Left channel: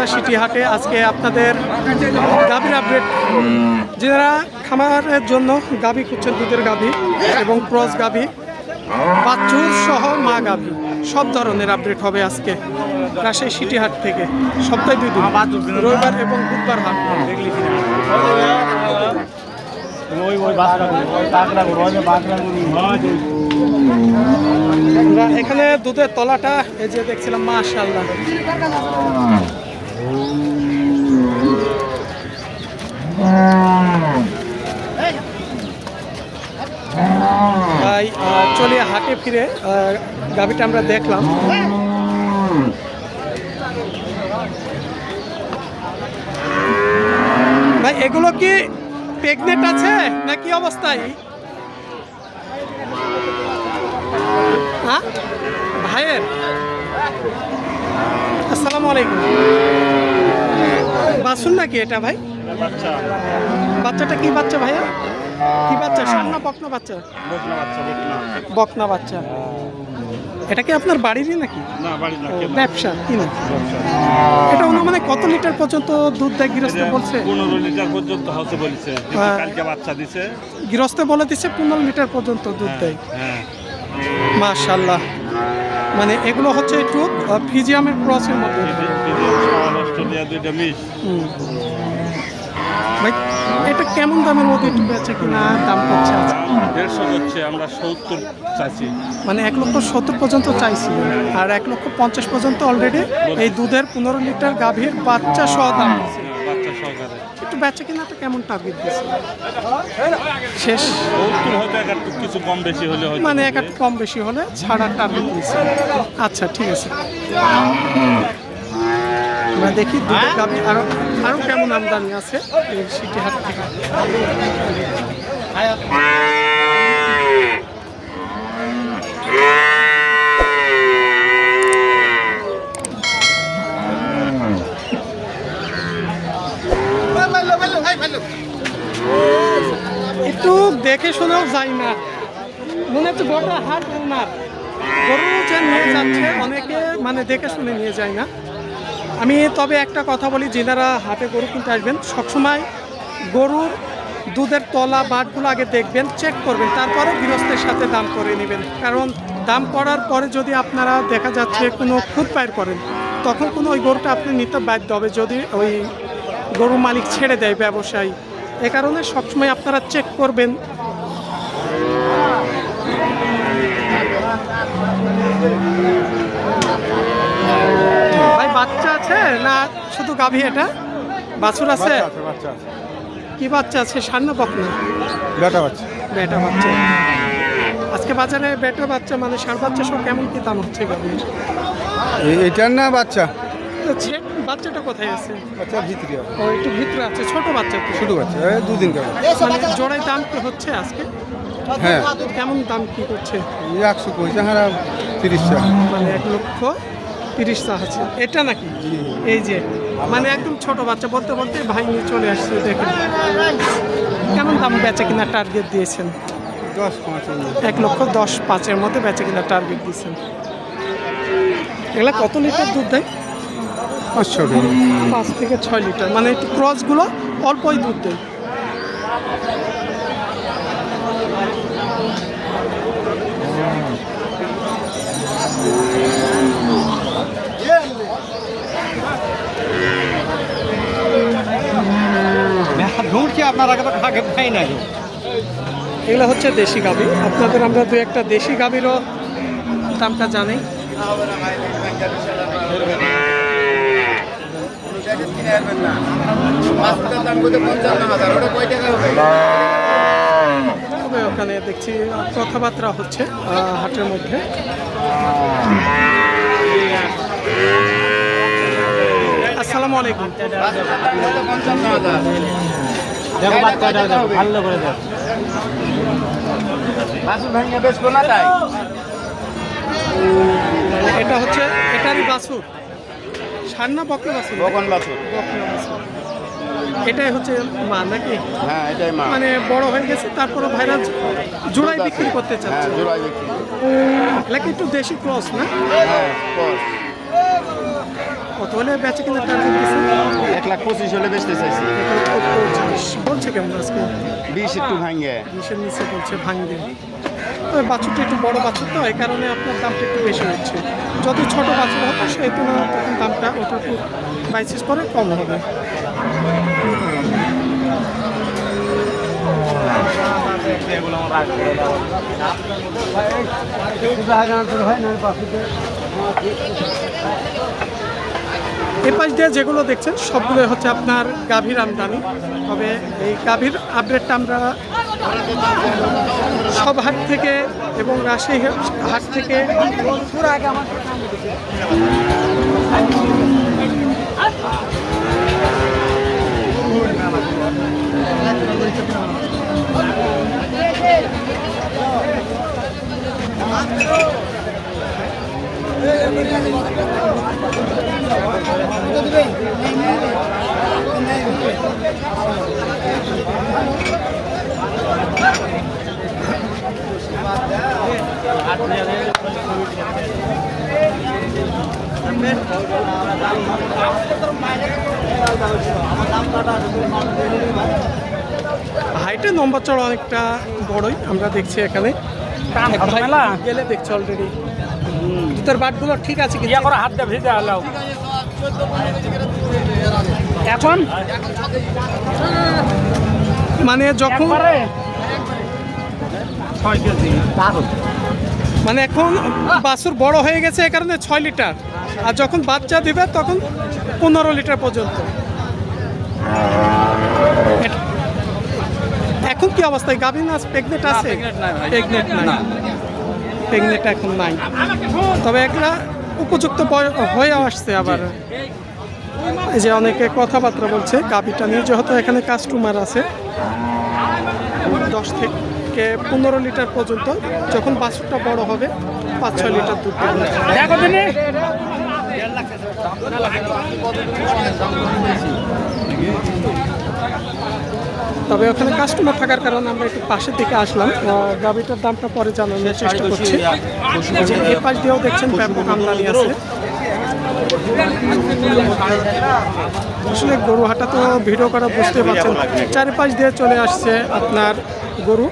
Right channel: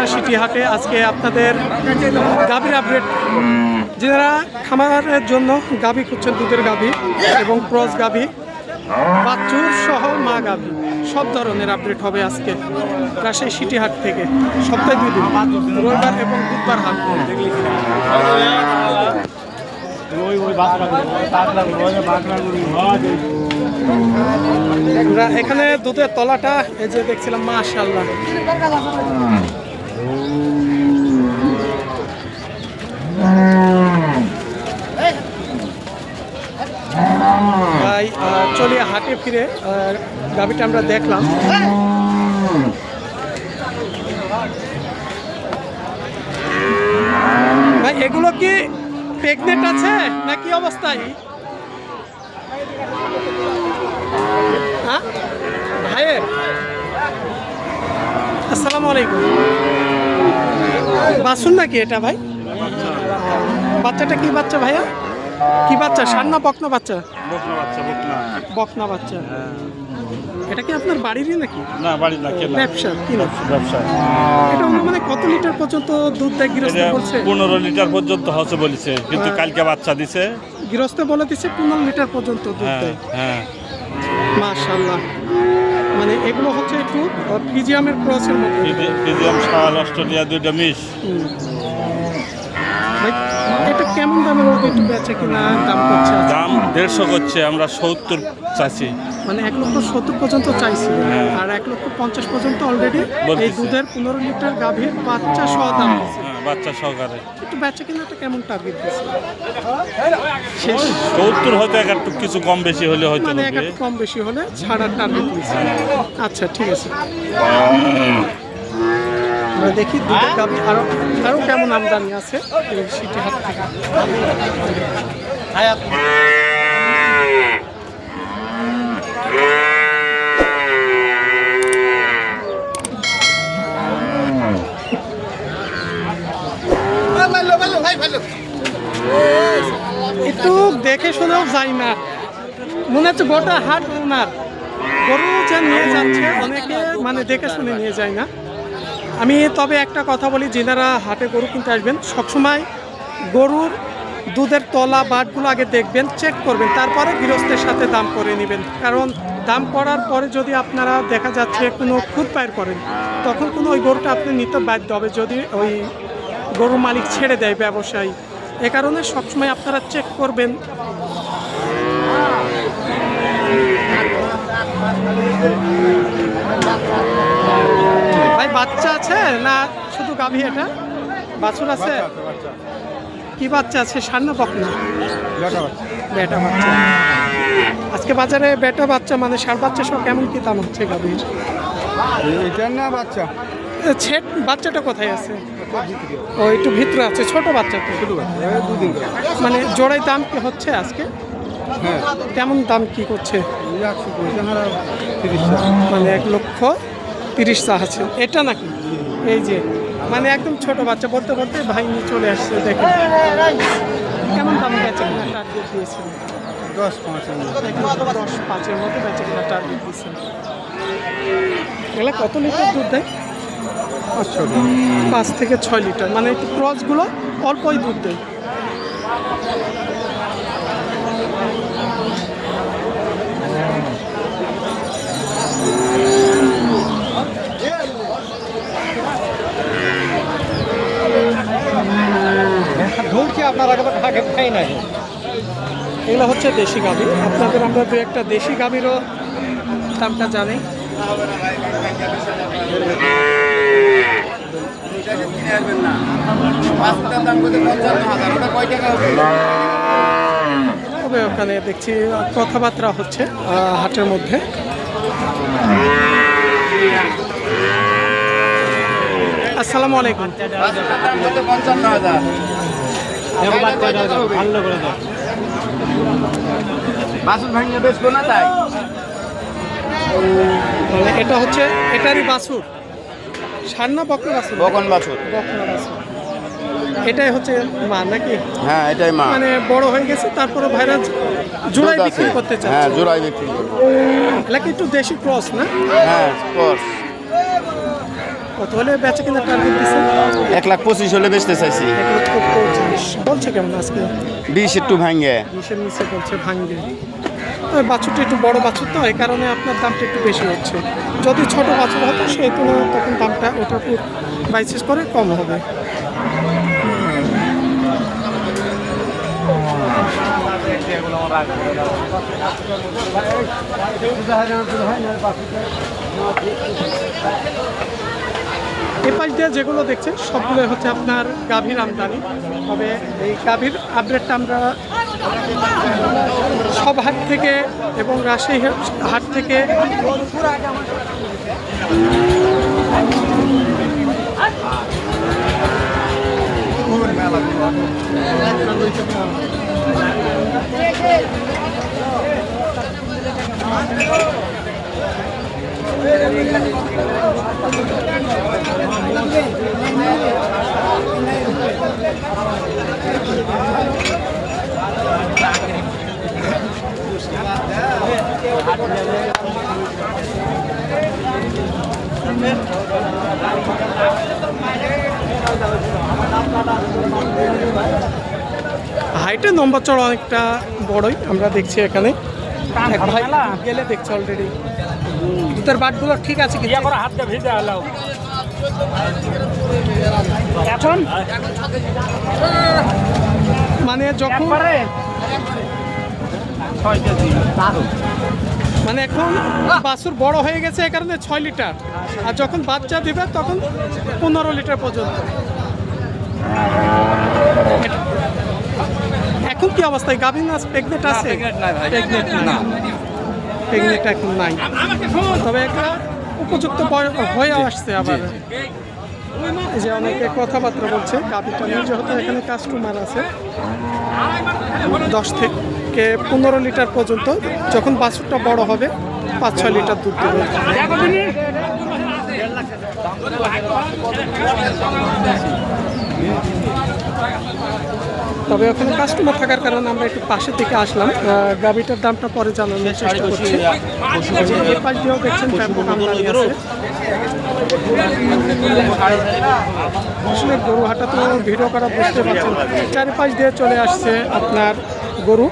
Netrokona city হাটে আজকে আপনাদের গাভীর আপডেট যারা খামারের জন্য গাভী খুঁজছেন, দুধের গাভী এবং ক্রস গাভী, বাছুর সহ মা গাভী, সব ধরনের আপডেট হবে আজকে রাজশাহী সিটি হাট থেকে। সপ্তাহে দুই দিন, রবিবার এবং বুধবার হাট। এখানে দুধের তলাটা, এই যে দেখছিলাম মাশাল্লাহ আহ, চলে হাটে ফিরে গাভিটা আমরা দেখলাম। ভাই এগুলো কি প্রেগনেন্ট আছে না কি অবস্থায়? হ্যাঁ? ভাইয়ের? আসসালামু আলাইকুম। বাসুন নাকি এটা ভাই? বাচ্চাটা কি বাচ্চা ভাইয়া? কি বাচ্চা? সান্না বকনা বাচ্চা? বকনা বাচ্চা বকনা। বকনা বাচ্চা। এটা কি আপনার বাড়িরই নাকি? না বাড়ি না কেন ব্যবসা কিনা ব্যবসা এটা মানে কত লিটার পর্যন্ত দুধ দেয়? গৃহস্থ বলছে। পনেরো লিটার পর্যন্ত হচ্ছে বলেছে। কিন্তু হ্যাঁ। কালকে বাচ্চা দিছে। গৃহস্থ বলে দিচ্ছে পনেরো লিটার পর্যন্ত দুধ হ্যাঁ দেয়। হ্যাঁ। মাশাল্লাহ মানে এগুলো হচ্ছে একটু ফিজিয়ামের ক্রসের মধ্যে মিডিয়াম সওয়াল অস্ট্রেলিয়া দুইটা হুম। ভাই, এটা কেমন দামের মধ্যে একটু বেচে কিনা দাম করছে দাম দেড়শো করছে আমরা সত্তর চাচ্ছি। মানে এক লক্ষ সত্তর পর্যন্ত চাইছি আর এক লক্ষ পঞ্চাশ পর্যন্ত অলরেডি এই দুধের পনেরো লিটার গাভীর বাচ্চা সহ দাম হ্যাঁ, বাচ্চা সহকারে। একটু বেচে কিনাটা কেমন টার্গেট দিচ্ছে? শেষ? সত্তর হয়তো এক একটু কিছু কম বেশি হলে হয়তো মানে এক একটু কম বেশি হলে ছাড়ার টার্গেট দিচ্ছে। আচ্ছা ঠিক আছে। আমরা দেখি দুধের গাভী আরও আরও কেমন আমদানি আছে সিটি হাট থেকে? একটু দেখে শুনেও যাই না। মনে হচ্ছে গোটা হাট ওনার। গরু যে নিয়ে যাচ্ছে, অনেকে মানে দেখে শুনে নিয়ে যায় না। আমি তবে একটা কথা বলি, যিনারা হাটে গরু কিনতে আসবেন, সবসময় গরুর দুধের তলা, বাটগুলো আগে দেখবেন চেক করবেন, তারপরে গৃহস্থের সাথে দাম করে নেবেন। কারণ দাম করার পরে যদি আপনারা দেখা যাচ্ছে কোনো খুদ পায়ের করেন, তখন কোনো ওই গরুটা আপনি নিতে বাধ্য হবে যদি ওই গরু মালিক ছেড়ে দেয় ব্যবসায়ী। এ কারণে সবসময় আপনারা চেক করবেন বাচ্চা আছে না শুধু গাভী এটা? বাছুর আছে? কি বাচ্চা আছে? সান্না বকনা বেটা বাচ্চা। বেটা বাচ্চা। আজকে বাজারে বেটা বাচ্চা মানে সার বাচ্চা সব কেমন কি দাম হচ্ছে গাভী এটার না বাচ্চা? ছেট বাচ্চাটা কোথায় আছে? ও একটু ভিতরে আছে ছোট বাচ্চা তো। ছোটো বাচ্চা দুদিন মানে জোড়াই দাম কি হচ্ছে আজকে? হ্যাঁ। কেমন দাম কি করছে? একশো হারা তিরিশ মানে এক লক্ষ তিরিশ চা আছে। এটা নাকি? এই যে মানে একদম ছোট বাচ্চা বলতে বলতে ভাই নিয়ে চলে আসছে দেখেন। কেমন দাম বেচে কিনা টার্গেট দিয়েছেন? দশ পাঁচ এক লক্ষ দশ পাঁচের মধ্যে বেচে কিনা টার্গেট দিয়েছেন। এগুলা কত লিটার দুধ দেয়? পাঁচ থেকে ছয় লিটার মানে একটু ক্রসগুলো অল্পই দুধ দেয়। আপনার আগে আগে খাই না এগুলো হচ্ছে দেশি গাভি আপনাদের আমরা দু একটা দেশি গাভিরও দামটা জানি। তবে ওখানে দেখছি কথাবার্তা হচ্ছে হাটের মধ্যে। আসসালামু আলাইকুম। মানে এটা হচ্ছে এটারই বাছুর। সার না বকনা বাছুর। বকন বাছুর। বকনা বাছুর। এটাই হচ্ছে মা নাকি? হ্যাঁ এটাই মা। মানে বড় হয়ে গেছে তারপরে ভাইরা জোড়াই বিক্রি করতে চায়। হ্যাঁ জোড়াই বিক্রি করি। এটা কিন্তু দেশি ক্রস না? হ্যাঁ কোর্স। কত হলে বেচে কিনা টার্গেট দিচ্ছেন এক লাখ পঁচিশ হলে বেচতে চাইছি। এক লক্ষ পঁচিশ বলছে কেমন আজকে? বিশ একটু ভাঙ্গে বিশের নিচে বলছে ভাঙ্গে তবে বাছুরটা একটু বড় বাছুর তো এই কারণে আপনার দামটা একটু বেশি হচ্ছে। যদি ছোট বাছুর হতো সেই তুলনায় তখন দামটা ওটা উপর বাইসিস করে কম হবে। এ পাশ দিয়ে যেগুলো দেখছেন সবগুলো হচ্ছে আপনার গাভীর আমদানি। তবে এই গাভীর আপডেটটা আমরা সব হাট থেকে এবং রাজশাহী হাট থেকে হাইটের নম্বর চড় অনেকটা বড়ই আমরা দেখছি এখানে। এক ভাই গেলে দেখছি অলরেডি জুতার বাটগুলো ঠিক আছে কিন্তু। হাত দিয়ে ভিজে আলাও এখন? মানে যখন ছয় কেজি। মানে এখন বাছুর বড় হয়ে গেছে এই কারণে ছয় লিটার। আর যখন বাচ্চা দিবে তখন পনেরো লিটার পর্যন্ত। এখন কি অবস্থায়? গাভিন আজ প্রেগনেন্ট আছে? প্রেগনেন্ট না। প্রেগনেন্ট এখন নাই। তবে একটা উপযুক্ত হয়ে আসছে আবার। যে অনেকে কথাবার্তা বলছে গাভিটা নিয়ে যেহেতু এখানে কাস্টমার আছে দশ থেকে পনেরো লিটার পর্যন্ত যখন বাছুরটা বড় হবে পাঁচ ছয় লিটার দুধ দেবে। তবে ওখানে কাস্টমার থাকার কারণে আমরা একটু পাশের থেকে আসলাম। গাবিটার দামটা পরে জানানোর চেষ্টা করছি। পাশ দিয়েও দেখছেন ব্যাপক আমদানি আছে। আসলে গরু হাটা তো ভিডিও করা বুঝতে পারছেন। চারিপাশ দিয়ে চলে আসছে আপনার গরু।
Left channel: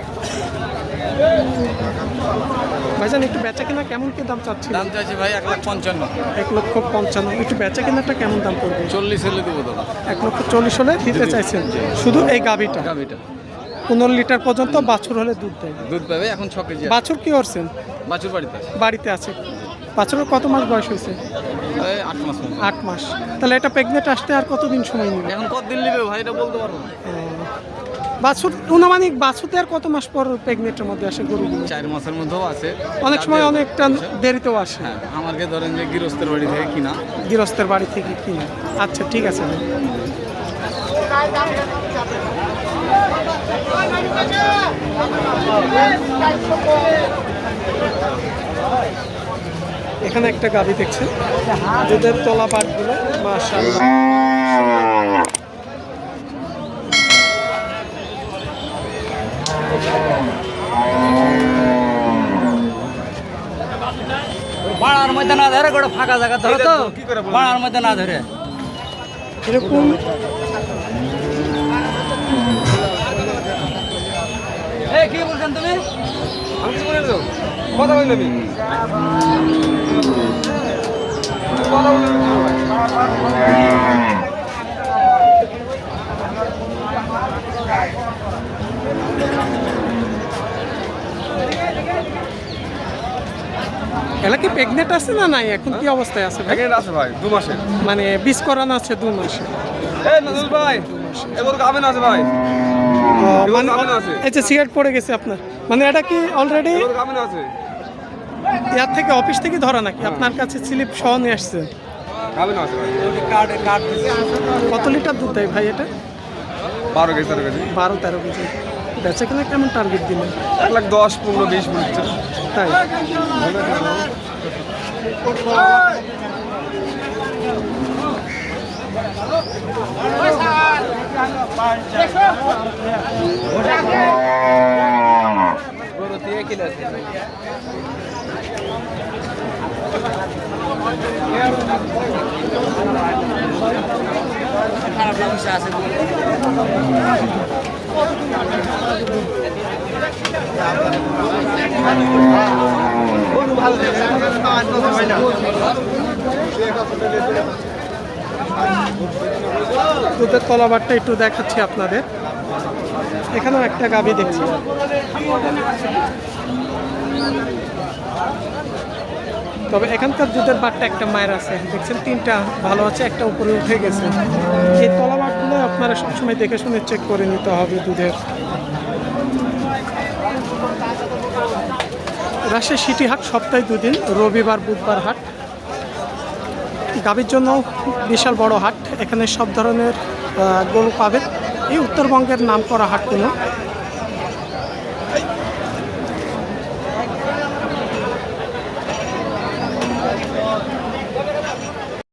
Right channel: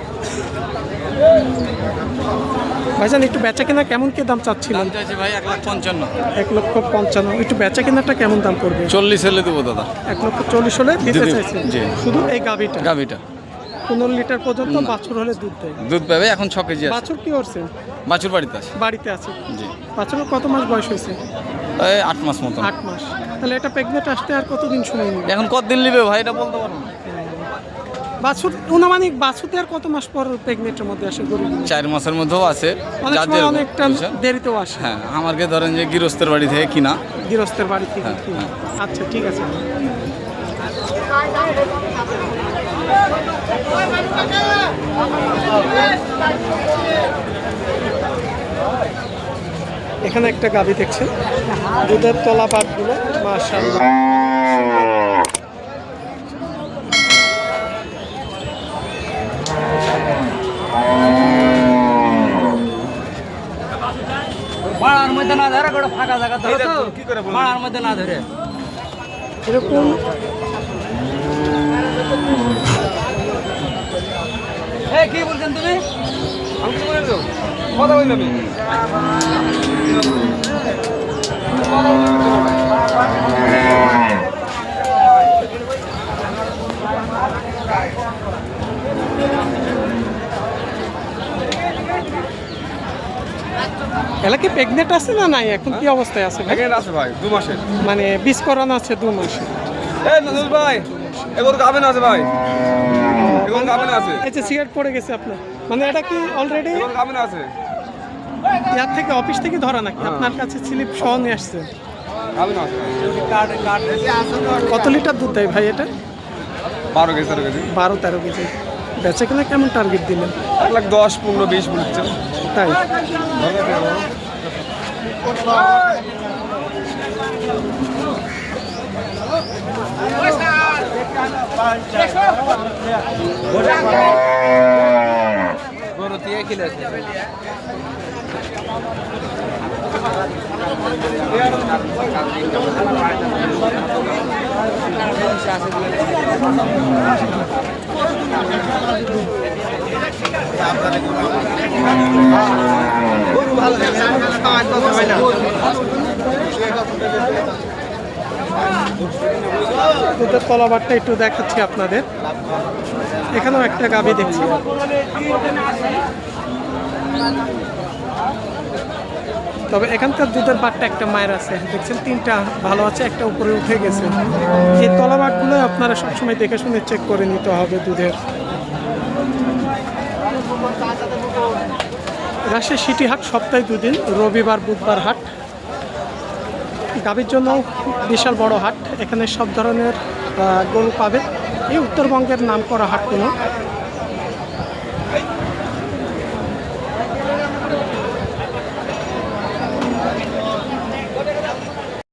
ভাইজান একটু বেচা কেনা কেমন কি দাম চাচ্ছিল দাম চাইছে ভাই এক লাখ পঞ্চান্ন। এক লক্ষ পঞ্চান্ন। একটু বেচা কেনাটা কেমন দাম পড়বে? চল্লিশ হলে দেবো দাদা। এক লক্ষ চল্লিশ হলে দিতে চাইছেন। শুধু এই গাভিটা? গাভিটা। পনেরো লিটার পর্যন্ত বাছুর হলে দুধ দেয়। দুধ পাবে এখন ছ কেজি। বাছুর কি করছেন? বাছুর বাড়িতে আছে। বাড়িতে আছে। জি। বাছুরের কত মাস বয়স হয়েছে? আট মাস মতো। আট মাস। তাহলে এটা প্রেগনেন্ট আসতে আর কতদিন সময় নেবে? এখন কতদিন নিবে ভাই এটা বলতে পারব না। বাছুর অনুমানিক বাছুরতে আর কত মাস পর প্রেগনেন্টের মধ্যে আসে গরু চার মাসের মধ্যেও আছে অনেক সময় অনেকটা দেরিতেও আসে। হ্যাঁ আমাকে ধরেন যে গৃহস্থের বাড়ি থেকে কিনা। গৃহস্থের বাড়ি থেকে কিনে। আচ্ছা ঠিক আছে। এখানে একটা গাভি দেখছেন। দুধের তলা পাটগুলো মাশাআল্লাহ বাড়ার মধ্যে না ফাঁকা জায়গা ধরো তো বাড়ার মধ্যে না ধরে। এরকম। কি বলছেন তুমি? এলাকে প্রেগনেন্ট আছে না নাই? এখন কি অবস্থায় আছে ভাই? সেকেন্ড আছে ভাই দু মাসের মানে বিষ করানো আছে দু মাসে। এ নজর ভাই এবার গাবেন আছে ভাই। যে সিগারেট পড়ে গেছে আপনার। মানে এটা কি অলরেডি আছে। ইয়ার থেকে অফিস থেকে ধরা নাকি? আপনার কাছে স্লিপ সহ নিয়ে আসছে। গাবেন আছে ভাই। কত লিটার দুধ দেয় ভাই এটা? বারো কেজি তেরো কেজি। বারো তেরো কেজি। বেচে কিনা কেমন টার্গেট দিলেন? এক লাখ দশ পনেরো বিশ বলছে তাই? দুধের তলাবারটা একটু দেখাচ্ছি আপনাদের। এখানেও একটা গাভী দেখছি। তবে এখানকার দুধের বারটা একটা মায়ের আছে। দেখছেন, তিনটা ভালো আছে, একটা উপরে উঠে গেছে। এই তলাবারগুলো আপনারা সবসময় দেখে শুনে চেক করে নিতে হবে দুধের। রাজশাহী সিটি হাট সপ্তাহে দুদিন, রবিবার, বুধবার হাট। গাভীর জন্য বিশাল বড় হাট। এখানে সব ধরনের গরু পাবেন। এই উত্তরবঙ্গের নাম করা হাটগুলো